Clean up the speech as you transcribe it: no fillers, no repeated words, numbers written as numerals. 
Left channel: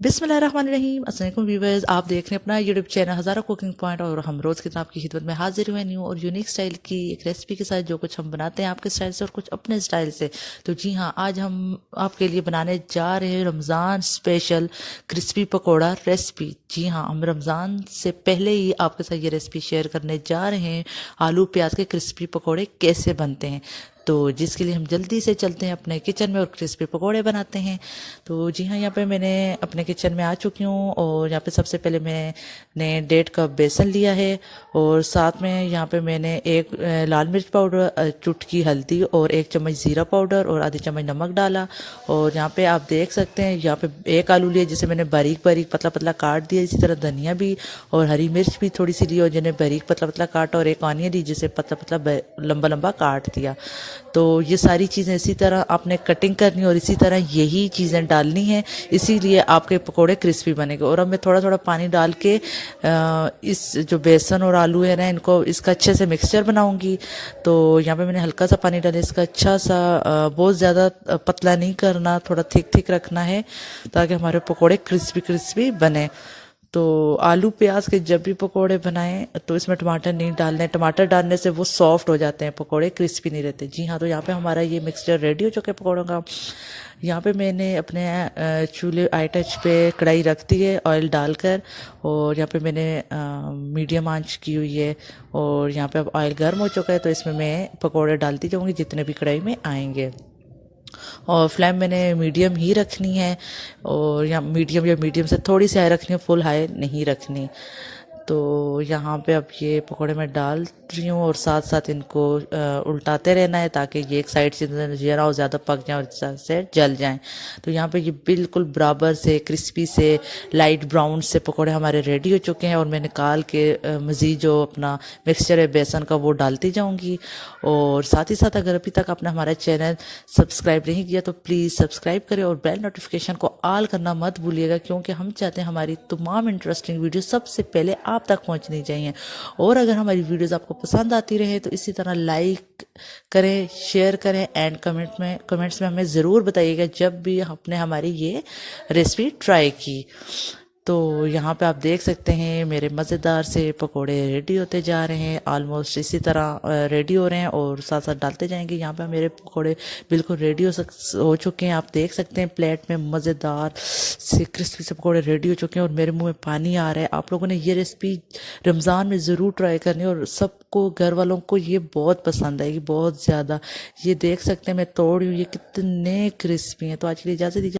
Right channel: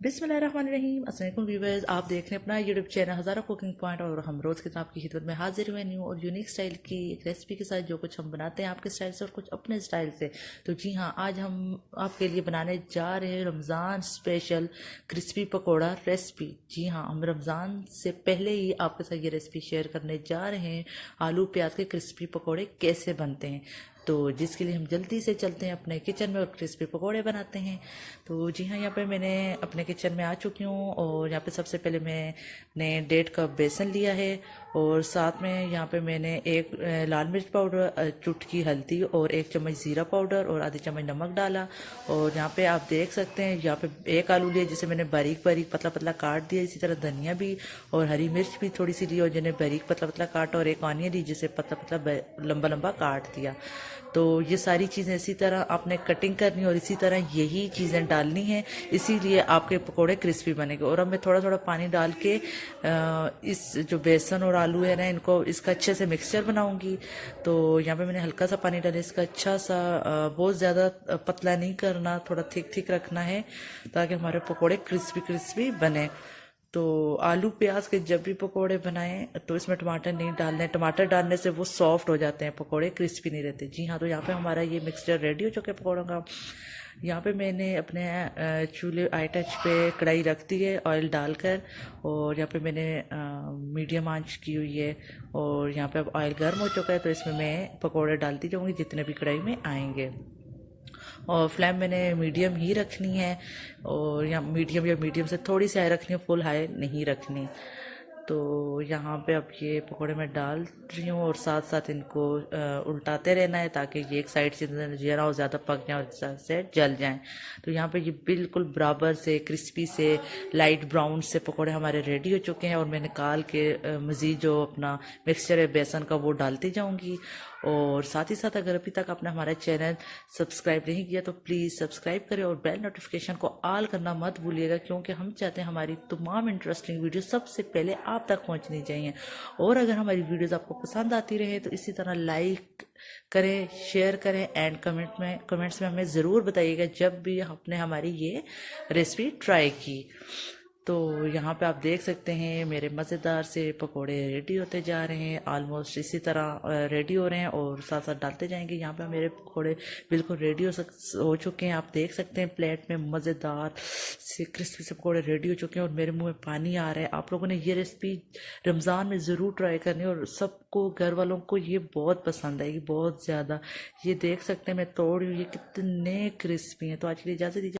बिस्मिल्लाहिर्रहमानिर्रहीम। अस्सलाम वालेकुम व्यूवर्स, आप देख रहे हैं अपना यूट्यूब चैनल हज़ारों कुकिंग पॉइंट और हम रोज़ की तरह आपकी खिदमत में हाजिर हुए न्यू और यूनिक स्टाइल की एक रेसिपी के साथ, जो कुछ हम बनाते हैं आपके स्टाइल से और कुछ अपने स्टाइल से। तो जी हाँ, आज हम आपके लिए बनाने जा रहे हैं Ramzan special crispy pakora recipe. जी हाँ, हम रमज़ान से पहले ही आपके साथ ये रेसिपी शेयर करने जा रहे हैं, आलू प्याज के क्रिस्पी पकौड़े कैसे बनते हैं। तो जिसके लिए हम जल्दी से चलते हैं अपने किचन में और क्रिस्पी पकौड़े बनाते हैं। तो जी हाँ, यहाँ पे मैंने अपने किचन में आ चुकी हूँ और यहाँ पे सबसे पहले मैंने 1.5 कप बेसन लिया है और साथ में यहाँ पे मैंने एक लाल मिर्च पाउडर, चुटकी हल्दी और 1 चम्मच ज़ीरा पाउडर और आधी चम्मच नमक डाला। और यहाँ पे आप देख सकते हैं, यहाँ पे एक आलू लिया जिसे मैंने बारीक बारीक पतला पतला काट दिया। इसी तरह धनिया भी और हरी मिर्च भी थोड़ी सी ली और जिन्हें बारीक पतला पतला काटा, और एक ऑनियन ली जिसे पतला पतला लंबा लंबा काट दिया। तो ये सारी चीज़ें इसी तरह आपने कटिंग करनी और इसी तरह यही चीज़ें डालनी है, इसीलिए आपके पकोड़े क्रिस्पी बनेंगे। और अब मैं थोड़ा थोड़ा पानी डाल के इस जो बेसन और आलू है ना, इनको इसका अच्छे से मिक्सचर बनाऊंगी। तो यहाँ पे मैंने हल्का सा पानी डाला, इसका अच्छा सा बहुत ज़्यादा पतला नहीं करना, थोड़ा थिक थिक रखना है ताकि हमारे पकोड़े क्रिस्पी क्रिस्पी बने। तो आलू प्याज के जब भी पकोड़े बनाएं तो इसमें टमाटर नहीं डालने, टमाटर डालने से वो सॉफ्ट हो जाते हैं, पकोड़े क्रिस्पी नहीं रहते। जी हाँ, तो यहाँ पे हमारा ये मिक्सचर रेडी हो चुका है पकोड़ों का। यहाँ पे मैंने अपने चूल्हे आई टच पे कढ़ाई रख दी है ऑयल डालकर, और यहाँ पे मैंने मीडियम आंच की हुई है। और यहाँ पे अब ऑयल गर्म हो चुका है, तो इसमें मैं पकोड़े डालती जाऊँगी जितने भी कढ़ाई में आएंगे। और फ्लेम मैंने मीडियम ही रखनी है, और या मीडियम से थोड़ी सी हाई रखनी है, फुल हाई नहीं रखनी। तो यहाँ पे अब ये पकोड़े मैं डाल रही हूँ और साथ साथ इनको उल्टाते रहना है ताकि ये एक साइड से जरा और ज़्यादा पक जाए और साइड से जल जाएं। तो यहाँ पे ये बिल्कुल बराबर से क्रिस्पी से लाइट ब्राउन से पकोड़े हमारे रेडी हो चुके हैं। और मैं निकाल के मज़ीद जो अपना मिक्सचर है बेसन का वो डालती जाऊँगी। और साथ ही साथ अगर अभी तक आपने हमारा चैनल सब्सक्राइब नहीं किया तो प्लीज़ सब्सक्राइब करें और बेल नोटिफिकेशन को ऑल करना मत भूलिएगा, क्योंकि हम चाहते हैं हमारी तमाम इंटरेस्टिंग वीडियो सबसे पहले आप तक पहुंचनी चाहिए। और अगर हमारी वीडियोस आपको पसंद आती रहे तो इसी तरह लाइक करें, शेयर करें एंड कमेंट्स में हमें ज़रूर बताइएगा जब भी आपने हमारी ये रेसिपी ट्राई की। तो यहाँ पे आप देख सकते हैं मेरे मज़ेदार से पकोड़े रेडी होते जा रहे हैं, ऑलमोस्ट इसी तरह रेडी हो रहे हैं और साथ साथ डालते जाएंगे। यहाँ पे मेरे पकोड़े बिल्कुल रेडी हो चुके हैं, आप देख सकते हैं प्लेट में मज़ेदार से क्रिस्पी से पकोड़े रेडी हो चुके हैं और मेरे मुंह में पानी आ रहा है। आप लोगों ने ये रेसिपी रमज़ान में ज़रूर ट्राई करनी है और सबको, घर वालों को ये बहुत पसंद आएगी, बहुत ज़्यादा। ये देख सकते हैं मैं तोड़ रही हूँ, ये कितने क्रिस्पी हैं। तो आज के लिए इजाज़त दीजिए।